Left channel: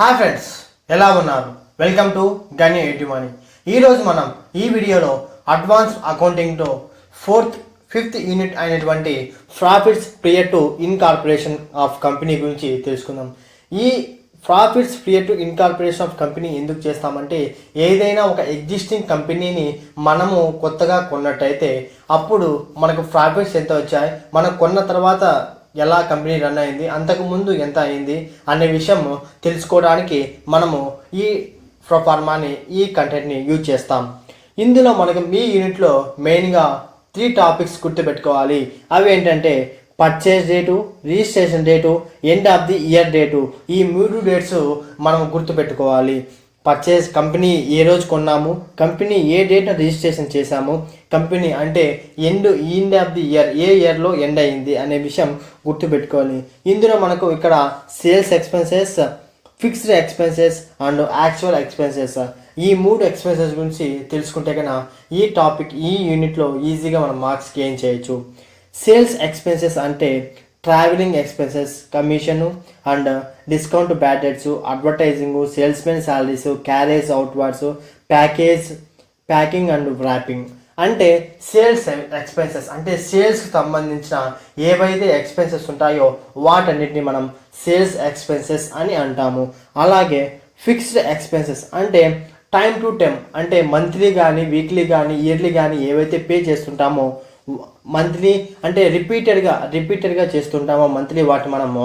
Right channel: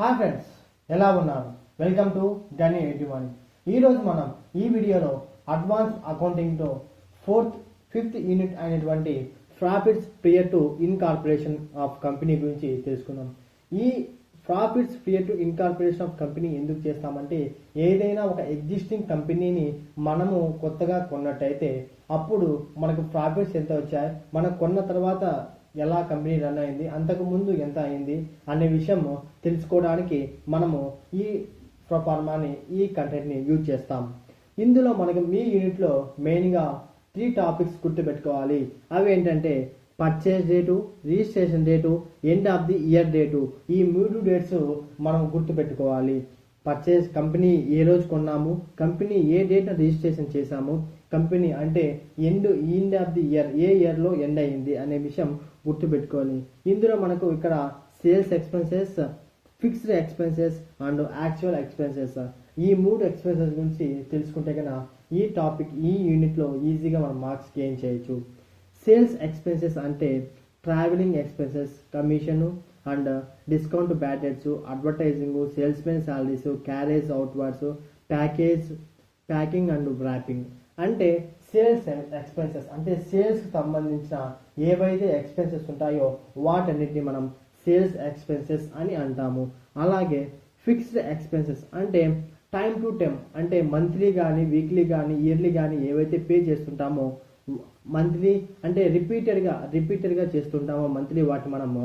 Hi friends, ఎలా ఉన్నారు? Welcome to గని ఎయిటీ మనీ. ఈరోజు మనం ఈ వీడియోలో అడ్వాన్స్డ్ అకౌంటింగ్తో ఫిఫ్త్ యూనిట్ అయినటువంటి profits prior to incorporation of company గురించి తెలుసుకుందాం. ఈ profits prior to incorporation of company ఎందుకు చేస్తామంటే, ఏదైనా ఒక ఎగ్జిస్టింగ్ కంపెనీని మనము కొత్తగా కొన్నట్టయితే అప్పుడు మనకు ప్రాఫిట్స్ ఎంత వచ్చాయి, మనం కొన్న తర్వాత ఎలా కంపెనీ రన్ అయింది, అంతకుముందు ఎంత అయింది అనే విషయం తెలుసుకోవడానికి మనము ఈ ప్రొఫార్మాని ఈ కంటెంట్ని యూజ్ చేస్తాం. ఇందులో మనకు ఈ యూనిట్లో మెయిన్గా 3 టాపిక్స్ గుర్తుపెట్టుకోవాలి. అవి ఏంటంటే purchase date, registration date, end of the year date. ఈ 3 డేట్స్ మనం గుర్తుపెట్టుకోవాలి. పర్చేజ్ కంపెనీ ఏ రోజు కొన్నాము, కంపెనీ ఏ డేట్న రిజిస్ట్రేషన్ చేశాము, కంపెనీ అంటే ఎండ్ ఆఫ్ ది ఇయర్ ఏ ఇయర్లో ఎండ్ అయింది అనే విషయం గుర్తుపెట్టుకోవాలి. ఇందులో మనకు ఇక్కడ sales expenses, fixed expenses and actual expenses, ఈ 3 ఎక్స్పెన్సెస్ గురించి తెలుసుకుంటే కన్నా ఈ యూనిట్లో ఈజీగా మనం మార్క్స్ గెయిన్ చేయొచ్చు. సేల్స్ ఎక్స్పెన్సెస్ అంటే travelling expenses, commission and discount bad debts, advertising, salesmen salaries, carriage outwards, packing and wrapping. అంటే సేల్స్ ఎక్స్పెన్సెస్ అంటే సేల్స్కి సంబంధించిన ఏవైతే ఎక్స్పెన్సెస్ ఉంటాయో వాటన్నిటిని మనం సేల్స్ ఎక్స్పెన్సెస్ అని అంటాము. అలాగే ఫిక్స్డ్ ఎక్స్పెన్సెస్ అంటే టైం టు టైం అంటే మంత్లీ కానీ వీక్లీ కానీ ఇయర్లీ కానీ ఏవైతే పే చేస్తుంటామో, మంత్లీ అంటే రిపీటెడ్గా చేస్తుంటామో మంత్లీ, వాటి మనము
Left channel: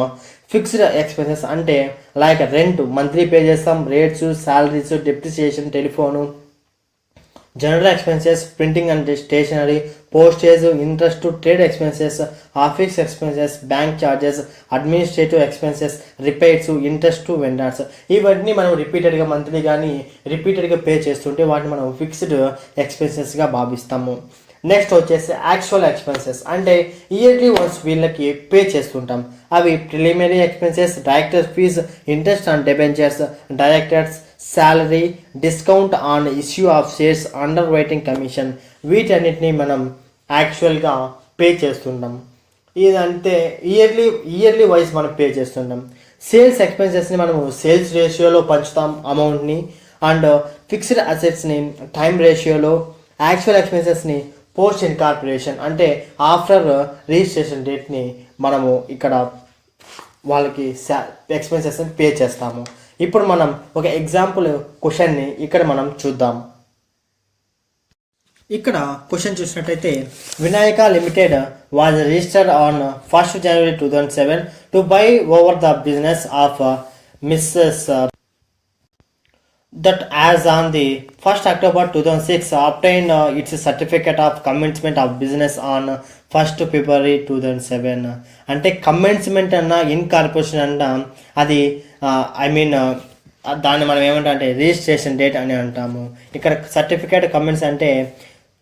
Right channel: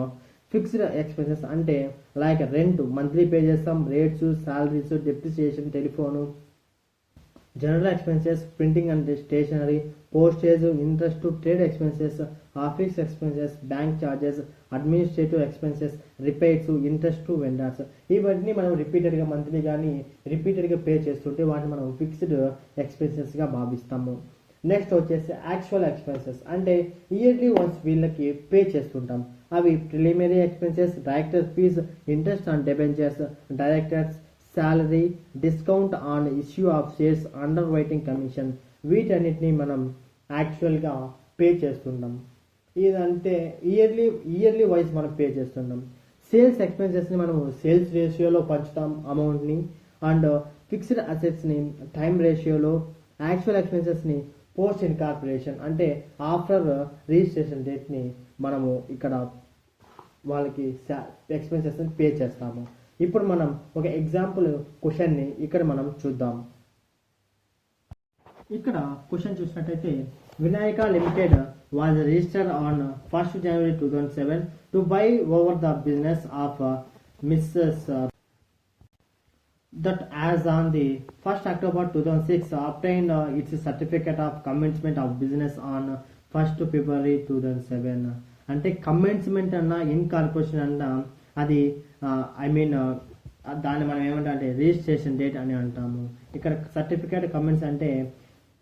ఫిక్స్డ్ ఎక్స్పెన్సెస్ అంటే లైక్ రెంట్ మంత్లీ పే చేస్తాం, rates, salaries, depreciation, telephone, general expenses, printing and stationery, postage, interest, trade expenses, office expenses, bank charges, administrative expenses, repairs, interest, vendors. ఇవన్నీ మనం రిపీటెడ్గా monthly కానీ రిపీటెడ్గా పే చేస్తుంటే వాటిని మనం ఫిక్స్డ్ ఎక్స్పెన్సెస్గా భావిస్తాము. నెక్స్ట్ వచ్చేసి యాక్చువల్ ఎక్స్పెన్సెస్ అంటే ఇయర్లీ వన్స్ వీళ్ళకి పే చేస్తుంటాం. అవి preliminary expenses, director fees, interest on debentures, directors salary, discount on issue of shares, underwriting commission, వీటన్నిటిని మనం యాక్చువల్గా పే చేస్తుంటాం. ఇదంతే ఇయర్లీ వైజ్ మనం పే చేస్తుంటాం. సేల్స్ ఎక్స్పెన్సెస్ని మనము సేల్స్ రేషియోలో పంచుతాం అమౌంట్ని, అండ్ ఫిక్స్డ్ అసెట్స్ని టైం రేషియోలో, యాక్చువల్ ఎక్స్పెన్సెస్ని పోస్ట్ ఇన్కార్పొరేషన్ అంటే ఆఫ్టర్ రిజిస్ట్రేషన్ డేట్ని మనము ఇక్కడ వాళ్ళకి ఎక్స్పెన్సెస్ని పే చేస్తాము. ఇప్పుడు మనం ఒక ఎగ్జాంపుల్ క్వశ్చన్ని ఇక్కడ మనం చూద్దాం. ఇక్కడ క్వశ్చన్ చూసినట్టయితే, Vinayaka limited was registered on 1st January 2007 to buy over the business of missus that as on the 1st October 2006 obtained its certificate of commencement of business on 1st February 2007. అంటే commencement అన్న incorporation అన్న అది దాన్ని మనం ఏమంటాం అంటే registration date అని అంటాము. ఇక్కడ సర్టిఫికేట్ కమెంట్స్ అంటే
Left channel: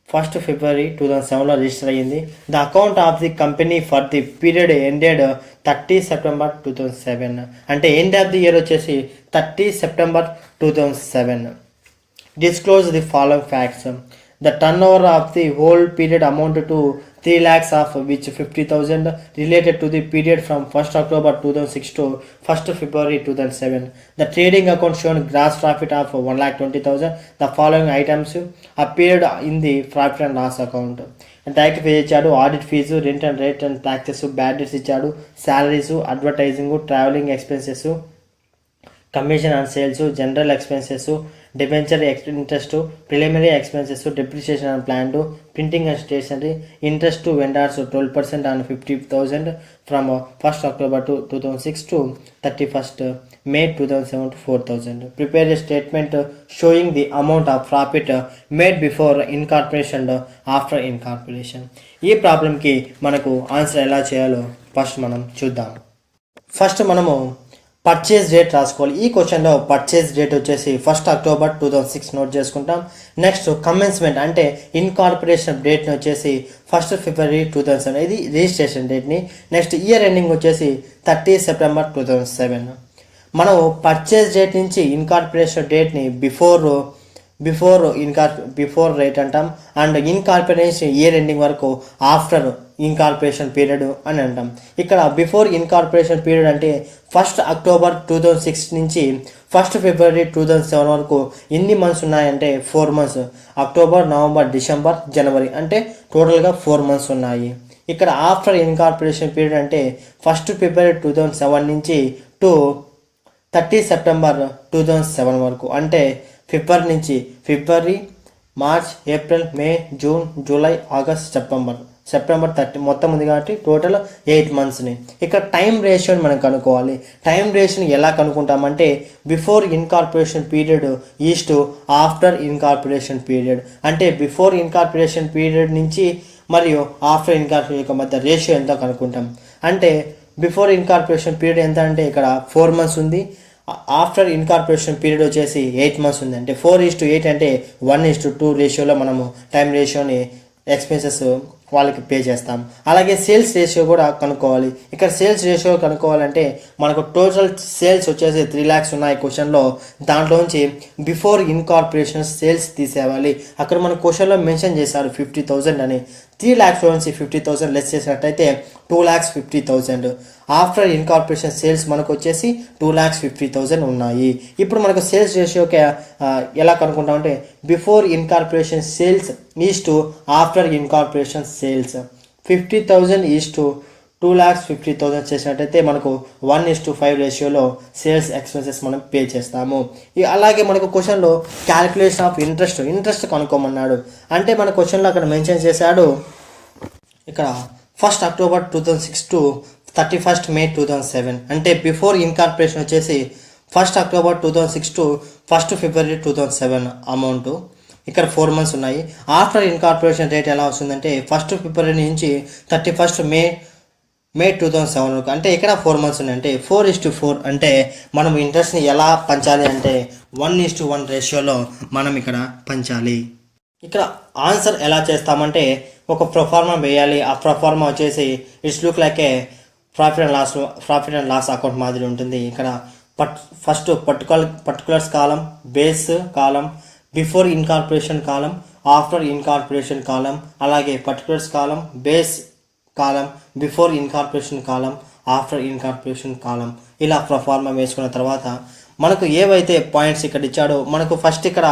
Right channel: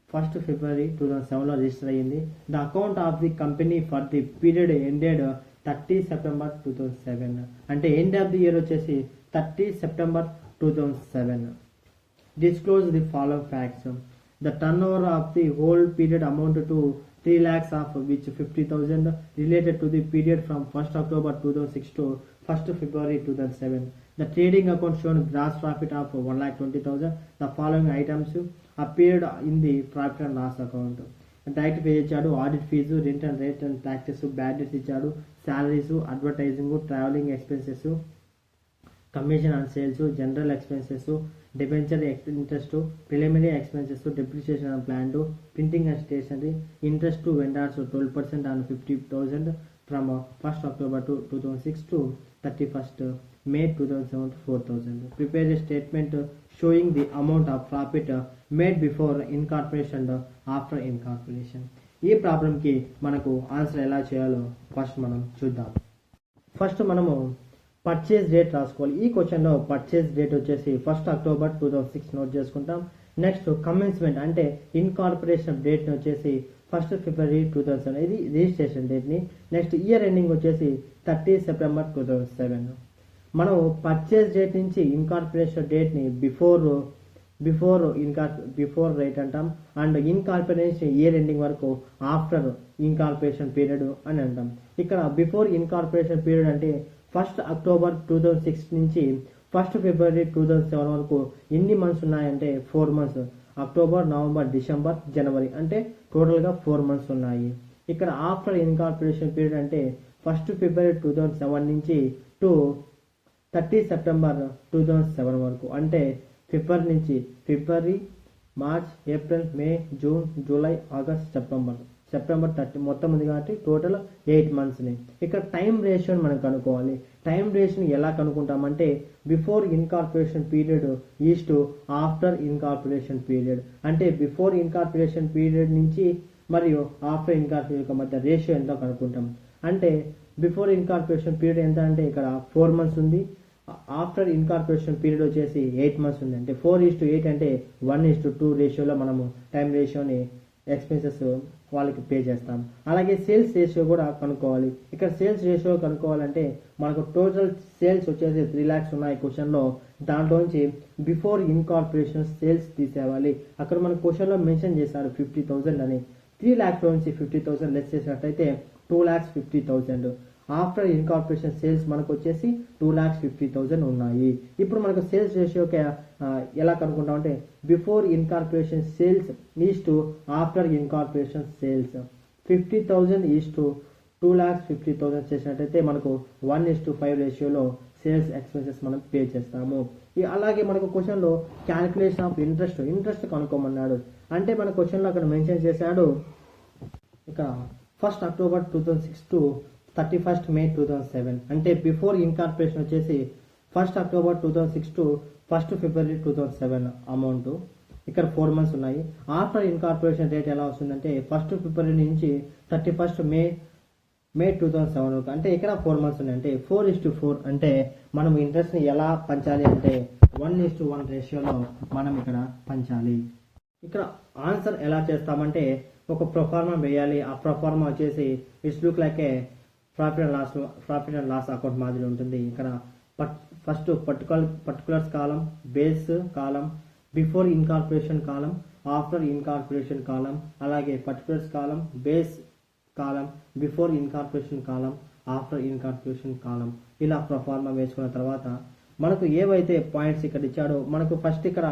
1st February 2007లో రిజిస్టర్ అయ్యింది. The account of the company for the period ended 30 September 2007 అంటే ఎండ్ ఆఫ్ ది ఇయర్ వచ్చేసి 30 September 2007. Disclose the following facts. The turnover of the whole period amounted to 3 lakhs, of which 50,000 related to the period from 1st October 2006 to 1st February 2007. The trading account shown gross profit of 1,20,000. The following items appeared in the profit and loss account. Direct fee ఇచ్చాడు, audit fee, rent and rate and taxes, bad debts ఇచ్చాడు, salaries, advertising, travelling expenses, commission and sales, general expenses, debenture interest, preliminary expenses, depreciation and plant, printing and stationery, interest to vendors 12% on 50,000 from 1st October 2006 to 31st May 2007 to 4,000. Prepare a statement showing the amount of profit made before incorporation and after incorporation. ఈ ప్రాబ్లంకి మనకు answer ఎలా చేయాలో first మనం చూద్దాం. First మనము purchase date రాసుకోవాలి. ఈ క్వశ్చన్లో పర్చేజ్ డేట్ వచ్చేసి 1st October 2006 నోట్ చేసుకుంటాం. నెక్స్ట్ కమెన్స్మెంట్ అంటే ఇన్కార్పొరేషన్ డేట్ని వచ్చేసి 1st February 2007, ఇది రిజిస్ట్రేషన్ డేట్ని. నెక్స్ట్ ఇయర్ ఎండింగ్ వచ్చేసి 30 September 2007. మనం పర్చేజ్ డేట్ నుంచి ఇన్కార్పొరేషన్ డేట్ని బిఫోర్ రేట్ అంటాం. అండ్ ఇన్కార్పొరేషన్ ఇయర్ ఎండింగ్ వరకు ఆఫ్టర్ ఇన్కార్పొరేషన్ పీరియడ్ అని అంటాం. ఇక్కడ బిఫోర్ ఇన్కార్పొరేషన్ పీరియడ్ అంటే 1st October 2006 నుంచి 1st February 2007 వరకు ఎన్ని మంత్స్ ఉన్నాయంటే 4 months. అక్టోబర్, నవంబర్, డిసెంబర్, జనవరి అంటే టోటల్గా 4 months ఉన్నాయి. ఇక్కడ ఆఫ్టర్ ఇన్కార్పొరేషన్ పీరియడ్ అంటే 1st February 2007 నుంచి టు 30 September 2007 వరకు అంటే ఫిబ్రవరి, మార్చ్, ఏప్రిల్, మే, జూన్, జూలై, ఆగస్ట్, సెప్టెంబర్ 30 మొత్తం ఉంది కాబట్టి టోటల్ 8 monthsని. ఇక్కడ టైం రేషియోని మనం కనుక్కోవాలి. టైం రేషియోని ఎలా కనుక్కుంటామంటే before incorporation period is to after incorporation period. అంటే బిఫోర్ ఇన్కార్పొరేషన్ పీరియడ్ నుంచి మరియు ఆఫ్టర్ ఇన్కార్పొరేషన్ మధ్య రేషియో ఎంతో కనుక్కుంటాం. అంటే బిఫోర్ ఇన్కార్పొరేషన్ పీరియడ్ ఎంత అంటే ఇక్కడ 4 months ఉంది. ఆఫ్టర్ ఇన్కార్పొరేషన్ పీరియడ్ వచ్చేసి 8 months ఉంది. అంటే 4:8 అంటే 1:2 రేషియోలో మనము టైం రేషియోని ఎక్స్పెన్సెస్ వాళ్ళకి పే చేస్తాం. అలాగే సేల్స్ రేషియో కూడా కనుక్కోవాలి. ఇక్కడ సేల్స్ రేషియో కనుక్కోవాలంటే మనకు టోటల్ సేల్స్ వచ్చేసి 3 lakhs ఉన్నాయి క్వశ్చన్లో. దాంట్లోంచి బిఫోర్ ఇన్కార్పొరేషన్ సేల్స్ తీసేవాలి. అక్కడ మన క్వశ్చన్లో మెన్షన్ చేశారు 50,000 అని. 3 lakhs నుంచి 50,000 లెస్ చేసినట్టయితే 2,50,000. ఆఫ్టర్ ఇన్కార్పొరేషన్ సేల్స్ మనకు వచ్చేసి 2,50,000 ఉన్నాయి. ఇప్పుడు మనకు సేల్స్ రేషియోకి ఎలా కనుక్కుంటామంటే before incorporation sales is to after incorporation sales. 50,000 is to 2,50,000 చేసినట్టయితే మనకు 1:5 రేషియోలో సేల్స్ ఎక్స్పెన్సెస్ మనం పే చేస్తాము. అలాగే మనకు క్వశ్చన్లో క్యాలిక్యులేషన్ ఆఫ్ ఇంట్రెస్ట్ కనుక్కోమన్నాడు. అంటే మన క్వశ్చన్లో అక్కడ మెన్షన్ చేశాడు ఇక్కడ 1st October 2006 to 31st May 2007. అంటే బిఫోర్ ఇన్కార్పొరేషన్ వచ్చేసి 1st October 2006 to 1st February 2007 amount. ఇక్కడ 4 months ఉన్నాయి. ఆఫ్టర్ ఇన్కార్పొరేషన్ రేట్ ఎలా వస్తుందంటే 1st February నుంచి 31st May 2007 వరకు. అంటే ఇక్కడ 4 months ఉన్నాయి. అంటే 4:4 అంటే మనం ఇంట్రెస్ట్ని ఎలా పంచాలి అంటే 1:1 రేషియోలో మనం ఇక్కడ పంచాలి. ఇక్కడ ఆన్సర్ ఎలా చేస్తామంటే ఒక ప్రొఫార్మా వేయాలి. ఆ ప్రొఫార్మా వచ్చేసి it's look like a profit and loss account మాదిరి ఉంటుంది. ఇక్కడ first particulars column, base column, before incorporation column, after incorporation column, అలాగే particulars column, base column, before incorporation column, after incorporation column. ఇలా proforma వేసుకున్న తర్వాత మనకు ఏవైతే పాయింట్స్ ఇక్కడ ఇచ్చాడో మనకు ఫస్ట్ ఇక్కడ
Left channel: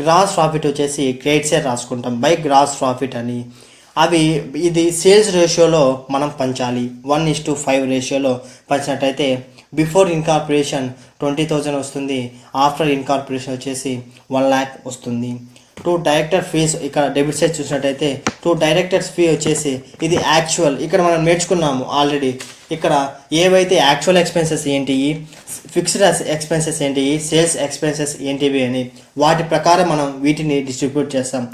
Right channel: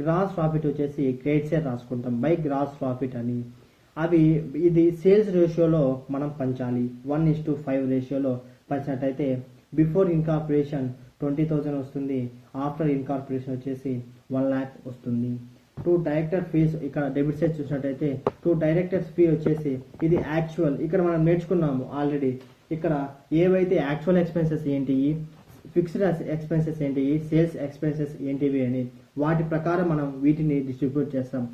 గ్రాస్ ప్రాఫిట్ వచ్చేసి క్రెడిట్ సైడ్ రాసుకుంటాం బై గ్రాస్ ప్రాఫిట్ అని. ఇది సేల్స్ రేషియోలో మనం పంచాలి. 1:5 రేషియోలో పంచినట్టయితే బిఫోర్ ఇన్కార్పొరేషన్ 20,000 వస్తుంది. ఆఫ్టర్ ఇన్కార్పొరేషన్ వచ్చేసి 1 lakh వస్తుంది. 2 డైరెక్టర్ ఫీస్ ఇక్కడ డెబిట్ సైడ్ చూసినట్టయితే 2 డైరెక్టర్స్ ఫీ వచ్చేసి ఇది యాక్చువల్. ఇక్కడ మనం నేర్చుకున్నాము ఆల్రెడీ. ఇక్కడ ఏవైతే యాక్చువల్ ఎక్స్పెన్సెస్ ఏంటి, ఫిక్స్డ్ ఎక్స్పెన్సెస్ ఏంటి, సేల్స్ ఎక్స్పెన్సెస్ ఏంటివి అని వాటి ప్రకారం మనం వీటిని డిస్ట్రిబ్యూట్ చేస్తాం.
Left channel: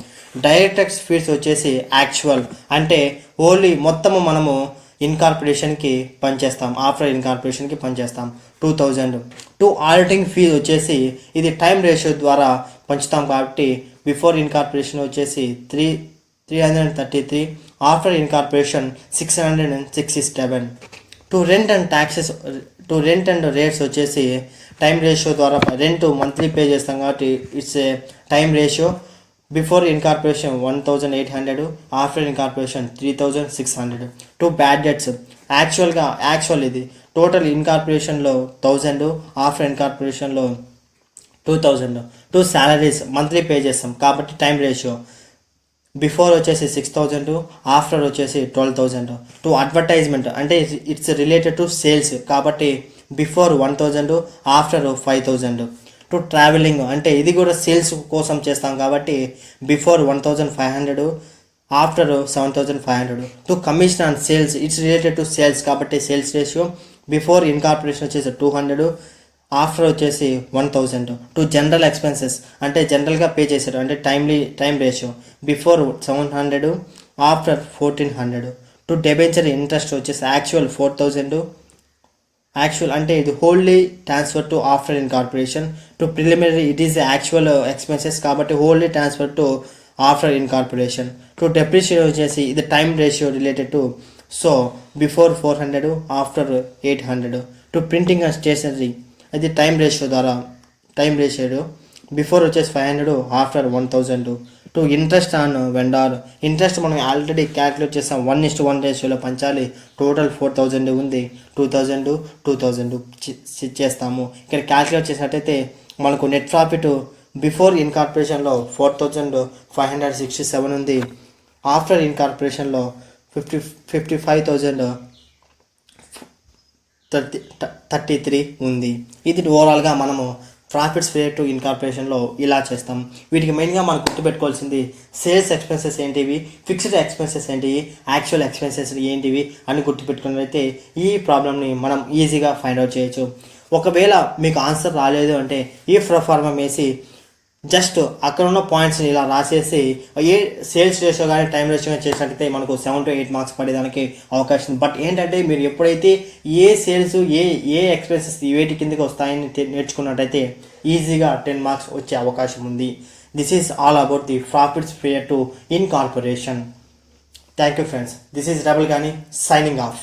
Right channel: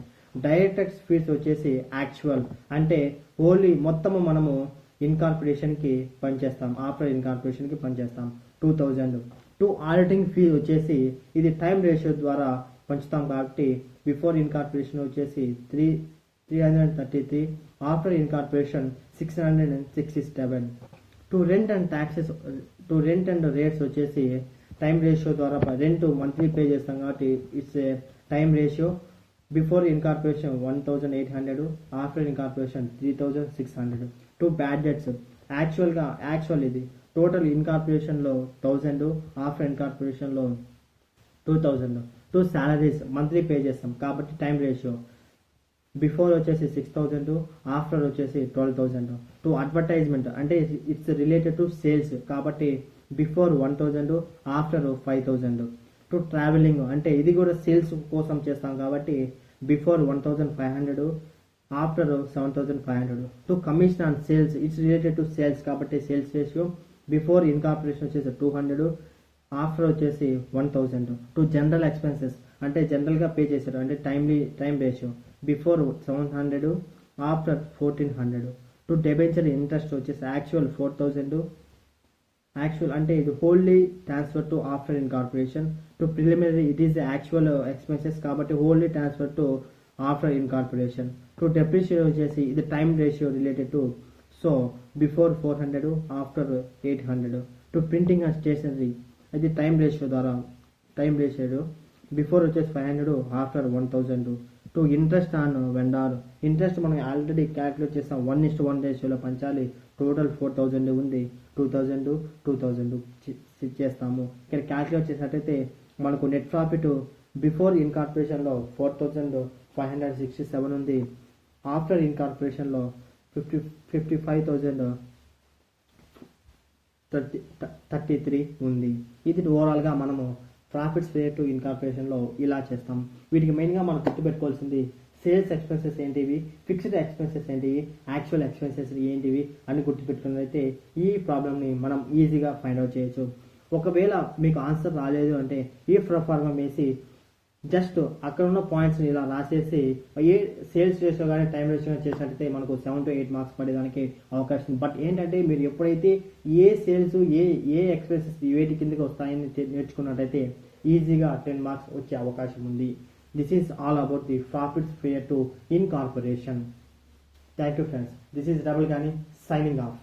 డైరెక్టర్స్ ఫీస్ వచ్చేసి యాక్చువల్ అంటే ఓన్లీ మొత్తము మనము ఇన్కార్పొరేషన్కి పనిచేస్తాం, ఆఫ్టర్ ఇన్కార్పొరేషన్కి పనిచేస్తాం 2,000. 2 ఆడిటింగ్ ఫీజ్ వచ్చేసి ఇది టైం రేషియో ద్వారా పంచుతాం కాబట్టి బిఫోర్ ఇన్కార్పొరేషన్ వచ్చేసి 333, after incorporation 667. 2 rent and rates వచ్చేసి టైం రేషియో ద్వారా రెంట్ మంత్లీ పే చేస్తాం కాబట్టి it's a time ratio. Before incorporation 1,800, after incorporation 3,600. 2 bad debts actual ఇది టోటల్ ఇన్కార్పొరేషన్లో 1,000, ఆఫ్టర్ ఇన్కార్పొరేషన్లో 2,000. 2 సాలరీస్ మంత్లీ పే చేస్తాం కాబట్టి టైం రేషియో. బిఫోర్ వచ్చేసి 6,000, ఆఫ్టర్ వచ్చేసి 12,000. 2 అడ్వర్టైజ్మెంట్ అంటే ఇట్స్ రిలేటెడ్ టు సేల్స్ కాబట్టి బిఫోర్ 1,000, ఆఫ్టర్ 5,000. 2 ట్రావెలింగ్ అంటే ఇది కూడా సేల్స్ కోసం చేస్తాం కాబట్టి before 1,500, after 7,500. 2 commission on sales it's related to sales కాబట్టి సేల్స్ రేషియో. బిఫోర్ ఇన్కార్పొరేషన్ వచ్చేసి 200, ఆఫ్టర్ వచ్చేసి 1,000. 2 జనరల్ ఎక్స్పెన్సెస్ అంటే జనరల్గా పే చేశారు అంటే time ratio. Before 700, after 1,400. 2 debenture interest వచ్చేసి యాక్చువల్ 4,000. యాక్చువల్ అంటే ఇది wholly transfer to after incorporation. 2 preliminary it is actual expenses కాబట్టి wholly transfer to after incorporation. 2 depreciation వచ్చేసి ఇది time ratio related to so before 400, after 800. 2 printing and stationery అది time ratio. Before వచ్చేసి 500, after 1000. Two interest on vendor, interest మనం already calculate చేస్తాం, 1:1 రేషియోలో పంచాలి. Total 4000 ఉంది, 2000 చేస్తాము. ఇక్కడ క్యాలిక్యులేట్ చేసినట్టయితే మనకు నెట్ ప్రాఫిట్ బిఫోర్ ఇన్కార్పొరేషన్లో 4567 ఉంది, ఆఫ్టర్ ఇన్కార్పొరేషన్లో 55,033 ఉంది. ఇది ఓవరాల్గా మనము ప్రాఫిట్స్ ప్రియేట్ టు ఇన్కార్పొరేషన్లో ఇలా చేస్తాం. వీటికి మెయిన్గా మనం గుర్తుపెట్టుకోవాల్సింది సేల్స్ ఎక్స్పెన్సెస్ ఏంటివి, ఫిక్స్డ్ ఎక్స్పెన్సెస్ ఏంటివి, యాక్చువల్ ఎక్స్పెన్సెస్ ఏంటివి అని గుర్తుపెట్టుకున్నట్లయితే ఈ ప్రాబ్లమ్ని మనం ఈజీగా ఫైండ్ అవుట్ చేయొచ్చు. ఒకవేళ మీకు ఆన్సర్ రాలేదు అంటే ఈ ప్రొఫార్మా వేసి జస్ట్ అక్కడ ఉన్న పాయింట్స్ని ఇలా రాసేసి ఏ సేల్స్ రేషియో కానీ టైం రేషియో కానీ చేసినట్టయితే మనకు 7 to 8 మార్క్స్ పడేదానికి అవకాశం. బట్ ఏంటంటే మీరు ఎప్పుడైతే ఏ సేల్స్ ఏ ఎక్స్పెన్సెస్ వేటి కిందకి వస్తాయని నేర్చుకున్నట్టయితే ఈజీగా 10 మార్క్స్ వచ్చే అవకాశం ఉంది. This is all about the profits prior to incorporation. Thank you friends. This is double గాని సైనింగ్ ఆఫ్.